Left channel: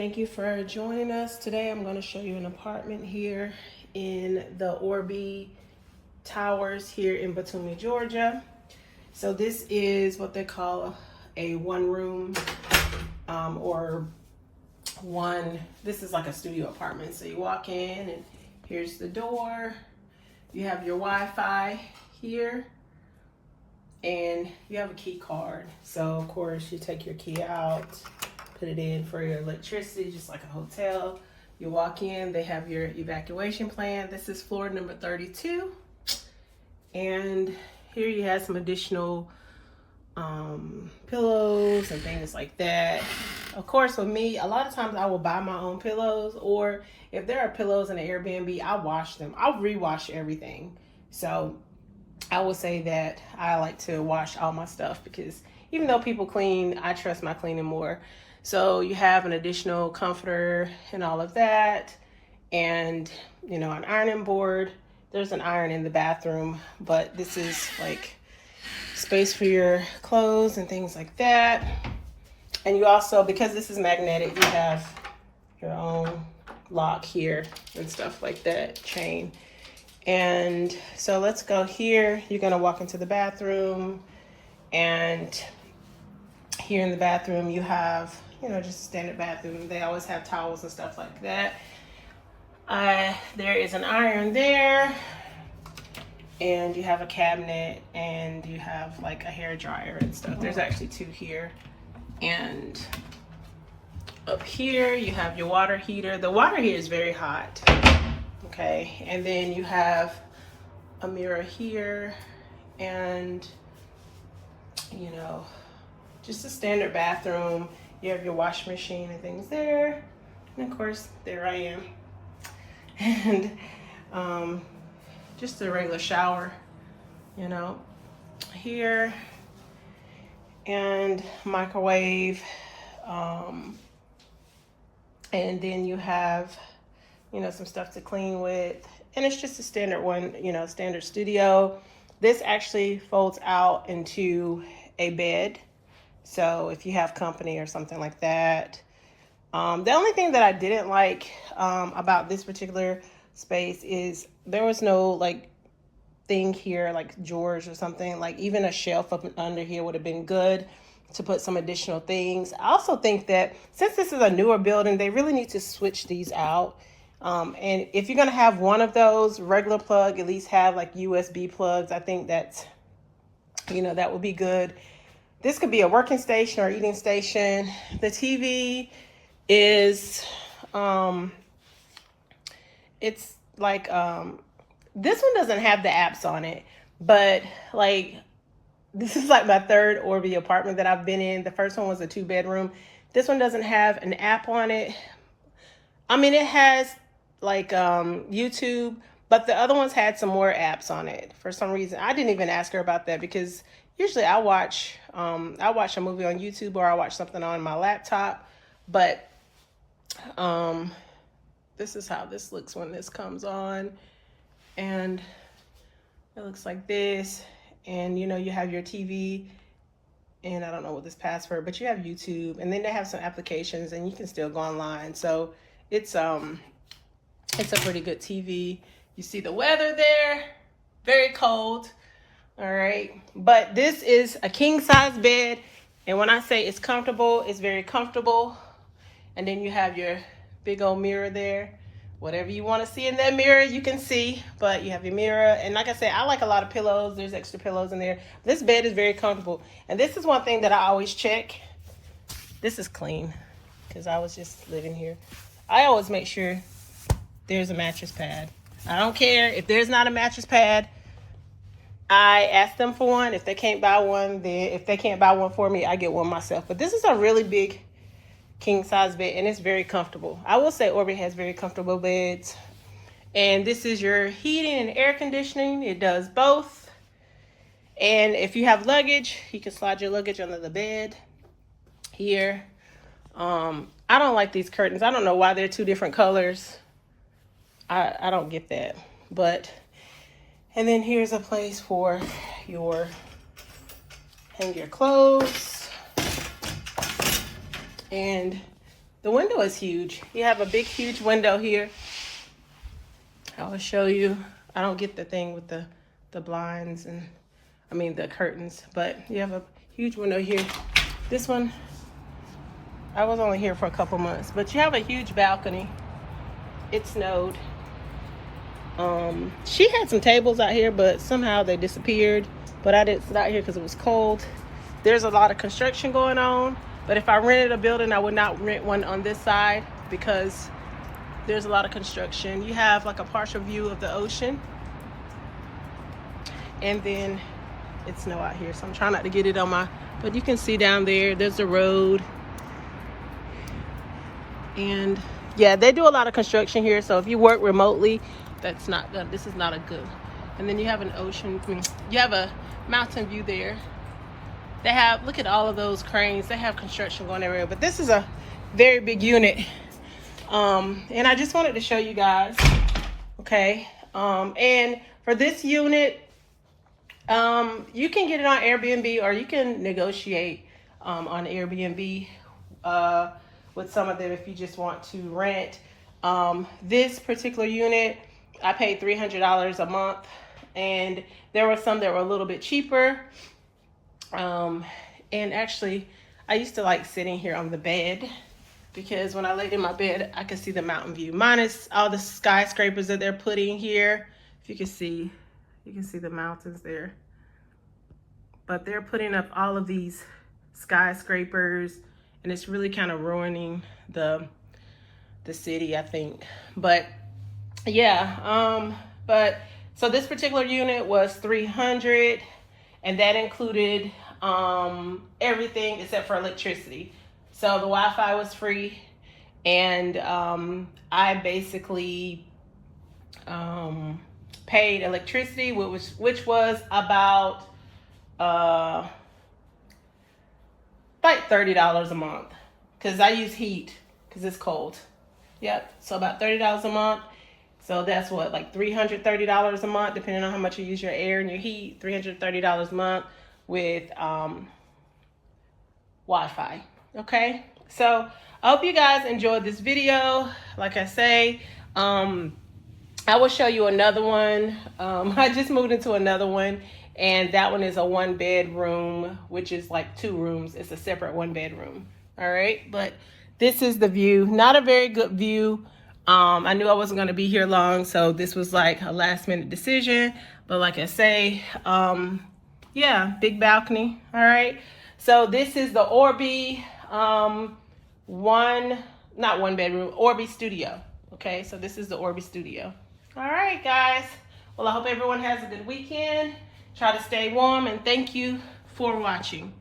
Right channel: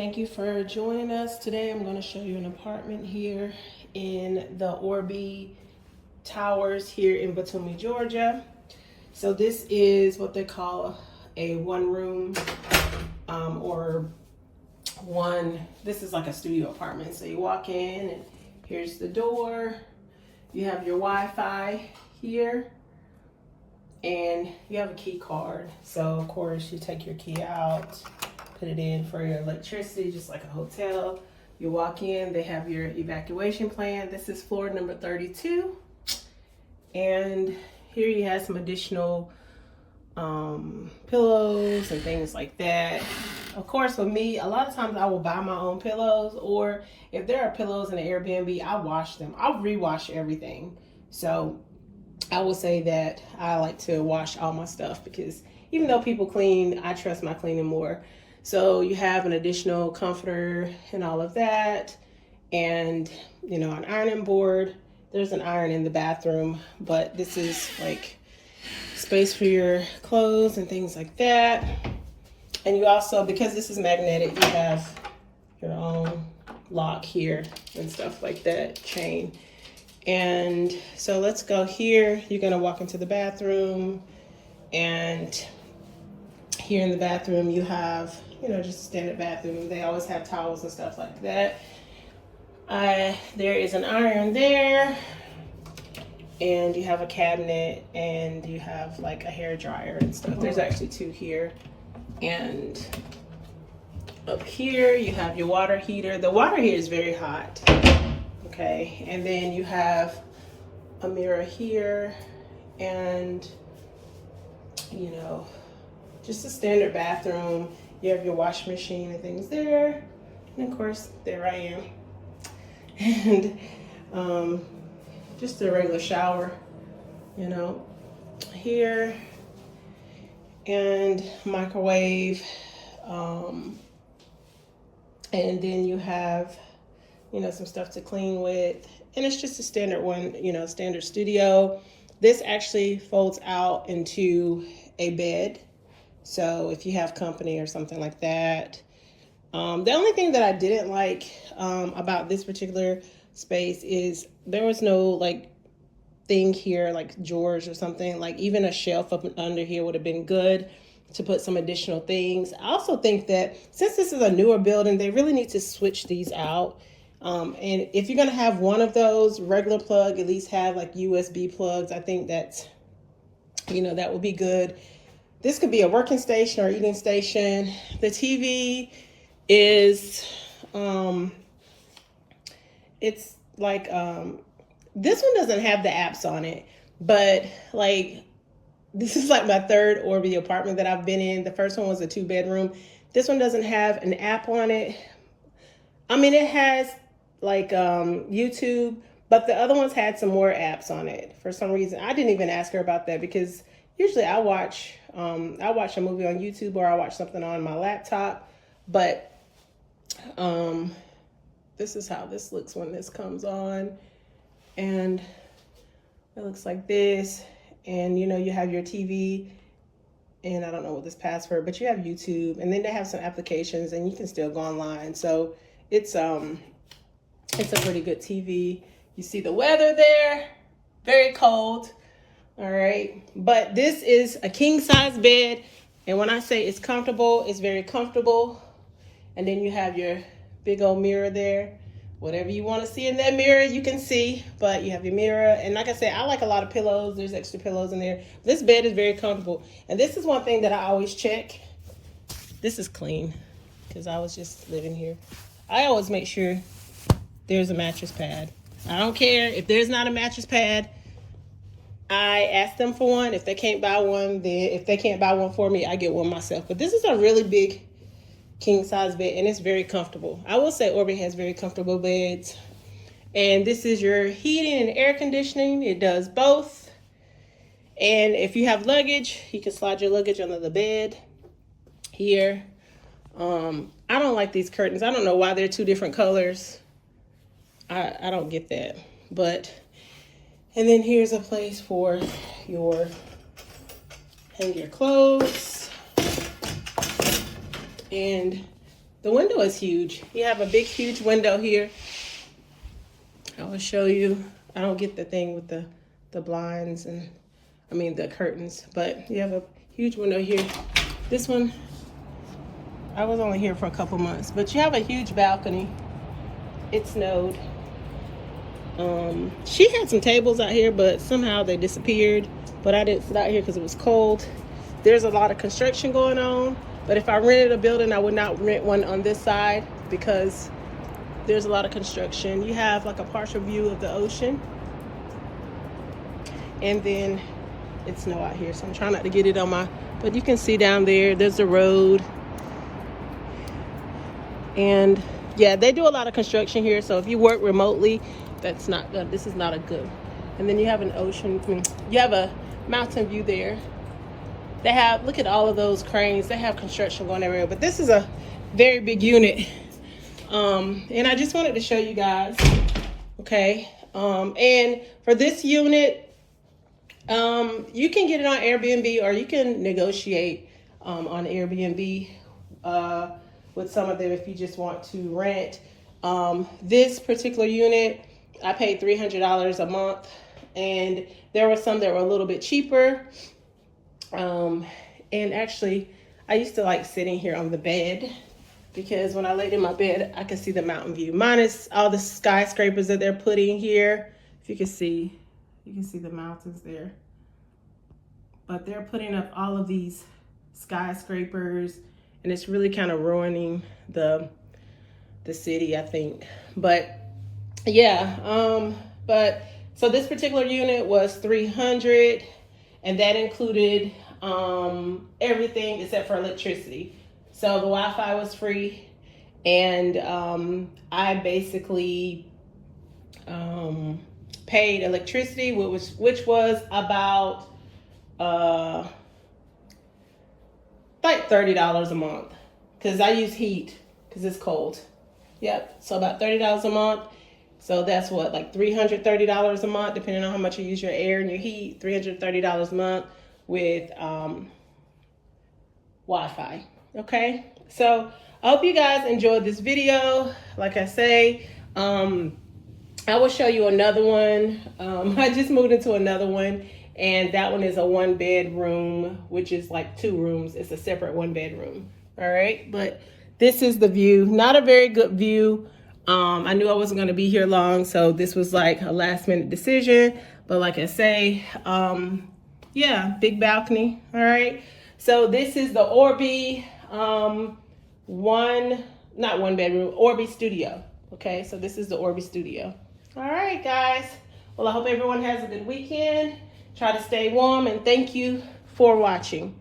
Thank you for joining us. Today I'm going to show you an apartment here in the Orbi Towers here in Batumi, Georgia. So this is what they call a one room this is like a studio apartment. So you walk in and here's the door. You have your Wi-Fi here and you have a key card. So of course you take your key out, put it in for your electricity, just like a hotel. You walk in, they have your evacuation plan. This is floor number 32. And here you have some additional pillows and things like that. Of course, for me, a lot of times I will buy my own pillows, or if there are pillows in the Airbnb, I wash them. I'll rewash everything. So I will say that I like to wash all my stuff because even though people clean, I trust my cleaning more. So you have an additional comforter and all of that, and an ironing board. There's an iron in the bathroom, but this is like space for your clothes and things like that. And you also, because this is magnetic, you have your own lock here and stuff like that, chain. And so let's go here. You're gonna walk into the bathroom, and here in the bathroom you have just a standard bathroom. They always have towels and stuff like that. There is an iron there, and you have a cabinet, and you have like a hair dryer and stuff. There's actually two here. And up here you have your water heater. The water here is very hot. Okay, and then you have a mirror here, and just a standard bathroom. You have your washing machine and things there, and of course there I am. And just a regular shower here, and microwave, and then you have some stuff to clean with, and it's just a standard one, standard studio. This actually folds out into a bed, so if you have company or something like that. The only thing that I didn't like about this particular space is there was no thing here like drawers or something. Like even a shelf up under here would have been good to put some additional things. I also think that since this is a newer building, they really need to switch these out. And if you're gonna have one of those regular plug, at least have like USB plugs. I think that's, that would be good. This could be a working station or eating station. The TV is, it's like, this one doesn't have the apps on it, but this is like my third Orbi apartment that I've been in. The first one was a 2-bedroom. This one doesn't have an app on it. I mean, it has YouTube, but the other ones had some more apps on it for some reason. I didn't even ask her about that because usually I watch a movie on YouTube, or I watch something on my laptop. But this is how this looks when this comes on, and it looks like this. And you have your TV, and I don't know what this password, but you have YouTube, and then they have some applications, and you can still go online. So it's a pretty good TV. You see the weather there, very cold. All right, but this is a king size bed, and when I say it's comfortable, it's very comfortable. And then you have your big old mirror there. Whatever you want to see in that mirror, you can see, but you have your mirror. And like I said, I like a lot of pillows. There's extra pillows in there. This bed is very comfortable. And this is one thing that I always check. This is clean because I was just living here. I always make sure there's a mattress pad. I don't care if there's not a mattress pad. I ask them for one. If they can't buy one, if they can't buy one for me, I get one myself. But this is a really big king size bed, and it's very comfortable. I will say Orbi has very comfortable beds. And this is your heating and air conditioning. It does both. And if you have luggage, you can slide your luggage under the bed here. I don't like these curtains. I don't know why they're two different colors. I don't get that. And then here's a place for hang your clothes. And The window is huge. You have a big, huge window here. I will show you. I don't get the thing with the blinds and, I mean the curtains, but you have a huge window here. This one, I was only here for a couple months, but you have a huge balcony. It snowed. She had some tables out here, but somehow they disappeared. But I didn't sit out here because it was cold. There's a lot of construction going on, but if I rented a building, I would not rent one on this side because there's a lot of construction. You have like a partial view of the ocean, and then it's snow out here, so I'm trying not to get it on my, but you can see down there, there's the road. And yeah, they do a lot of construction here, so if you work remotely, that's not good. This is not a good. And then you have an ocean, you have a mountain view there. They have, look at all of those cranes. They have construction going everywhere, but this is a very big unit. And I just wanted to show you guys, okay? And for this unit, you can get it on Airbnb, or you can negotiate on Airbnb with some of them if you just want to rent. This particular unit, I paid $300 a month, and there were some that were a little bit cheaper. And actually, I used to like sitting here on the bed because when I laid in my bed, I could see the mountain view, minus all the skyscrapers that they're putting here. If you can see the mountains there. But they're putting up all of these skyscrapers, and it's really kind of ruining the city, I think. But yeah, but so this particular unit was $300, and that included everything except for electricity. So the Wi-Fi was free, and I basically paid electricity, which was about like $30 a month, because I use heat because it's cold. Yep, so about $30 a month. So that's what, like $330 a month, depending on how much you use your air and your heat. $330 a month with Wi-Fi. Okay, so I hope you guys enjoyed this video. Like I say, I will show you another one. I just moved into another one, and that one is a 1-bedroom, which is like 2 rooms. It's a separate 1-bedroom. All right, but this is the view. Not a very good view. I knew I wasn't going to be here long, so this was like a last-minute decision. But like I say, yeah, big balcony. All right, so this is the Orbi not 1-bedroom, Orbi Studio. Okay, so this is the Orbi Studio. All right, guys. Well, I hope everyone has a good weekend. Try to stay warm, and thank you for watching.